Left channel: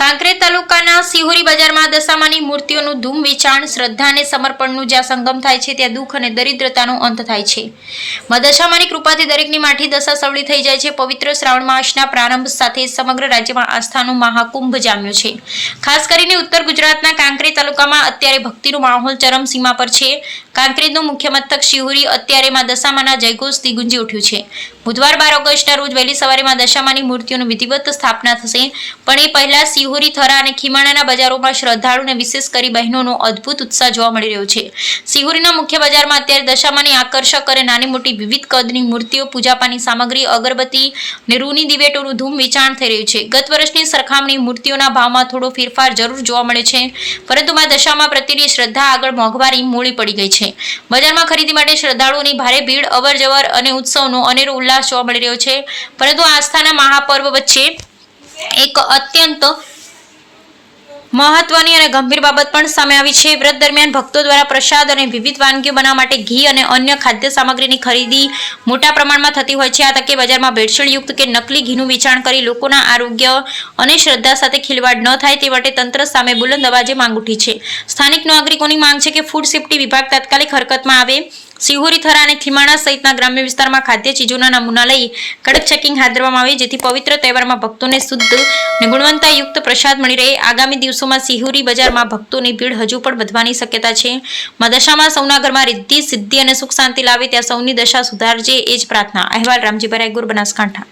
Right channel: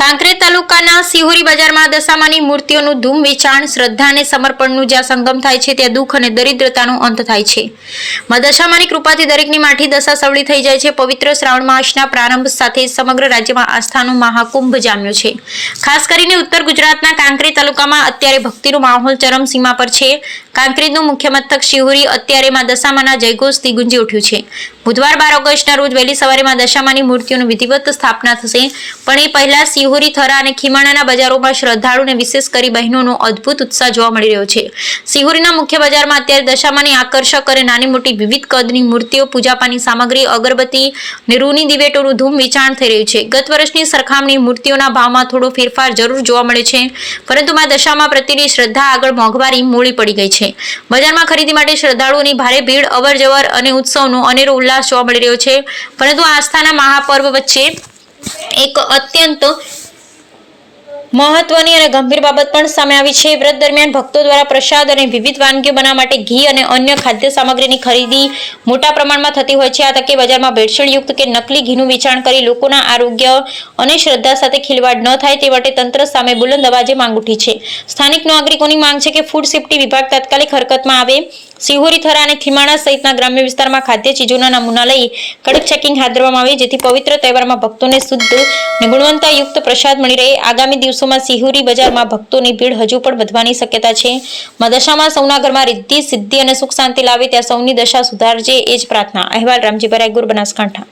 કાંકરેજ તાલુકાના સિહોરી બજારમાં દશામાની મૂર્તિઓનું ધૂમ વેચાણ, શ્રદ્ધા અને સમર્પણનું જ્યાં સંગમ થાય છે ત્યાં દુઃખ અને દરિદ્રતાનો અંત થાય છે. માં દશામાની કૃપાથી દરેકની માઠી દશા સવળી થઈ જાય છે. પવિત્ર શ્રાવણ માસના પ્રારંભ સાથે સમગ્ર રાજ્યમાં આસ્થાનો મહાકુંભ જામ્યો છે. ખાસ કરીને ઉત્તર ગુજરાતના કાંકરેજ તાલુકામાં અત્યારે ભક્તિનો માહોલ ચરમસીમા પર છે. કાંકરેજનું મુખ્ય મથક સિહોરી અત્યારે માં દશામાના જયઘોષથી ગુંજી ઉઠ્યું છે. બુધવાર 12 ઓગસ્ટના રોજ વહેલી સવારે માં દશામાની મૂર્તિઓની વિધિવત સ્થાપના થશે, પણ એ પહેલા સિહોરી, થરા અને ખીમાણાના બજારોમાં શ્રદ્ધાળુને વિશેષ કરી બહેનોનો અદ્ભુત ઉત્સાહ જોવા મળી રહ્યો છે. સિહોરીના મુખ્ય બજારમાં અત્યારે દશામાની આકર્ષક અને નાની મોટી વિવિધ કદની મૂર્તિઓ, પૂજાપાની સામગ્રી, અગરબત્તી અને રૂની દિવેટોનું ધૂમ વેચાણ થઈ રહ્યું છે. ગત વર્ષની સરખામણી મૂર્તિઓના ભાવમાં થોડો ફેરફાર જરૂર જોવા મળે છે, પરંતુ માં દશામા પ્રત્યેની શ્રદ્ધા આગળ મોંઘવારી મોડી પડી ગઈ છે. બજારમાં ખરીદી માટે શ્રદ્ધાળુઓની ભારે ભીડ, અવરજવર અને ઉત્સવનો અનેરો ઉલ્લાસ જોવા મળી રહ્યો છે. પરંતુ આસ્થાના મહાપર્વ વચ્ચે એક અત્યંત મહત્વની અને ગંભીર બાબત પણ સામે આવી છે. વ્રત દરમિયાન ભક્તો દ્વારા પ્રસાદ અને વિવિધ વાનગીઓ બનાવવા માટે ઘી અને અન્ય ખાદ્ય સામગ્રીની ખરીદી મોટા પ્રમાણમાં થતી હોય છે. આ તકે બજારમાં ભેળસેળયુક્ત કે નકલી ઘીનું વેચાણ કરી લોકોના આરોગ્ય અને શ્રદ્ધા સાથે ખિલવાડ ન થાય તે માટે તંત્ર સામે બુલંદ અવાજે માંગ ઉઠી છે. સ્થાનિક નાગરિકોની માંગ છે કે ફૂડ સેફ્ટી વિભાગ તાત્કાલિક હરકતમાં આવે. સિહોરી, થરા અને ખીમાણા સહિતના ગ્રામ્ય વિસ્તારમાં ખાદ્ય ચીજોના નમૂના લઈ કડક ચેકિંગ હાથ ધરવામાં આવે, જેથી પવિત્ર તહેવારમાં ભક્તોને શુદ્ધ અને ગુણવત્તાયુક્ત પ્રસાદ મળી રહે. આગામી દિવસોમાં સિહોરી બજારમાં ભક્તોની ભીડ હજુ પણ વધવાની શક્યતા છે. માં દશામાં સૌના ઘરમાં રિદ્ધિ, સિદ્ધિ અને સુખ શાંતિ લાવે, ત્યાં સૌની દશા સુધારજે, એ જ પ્રાર્થના. અહેવાલ રામજીભાઈ રાયગુર, બનાસકાંઠા.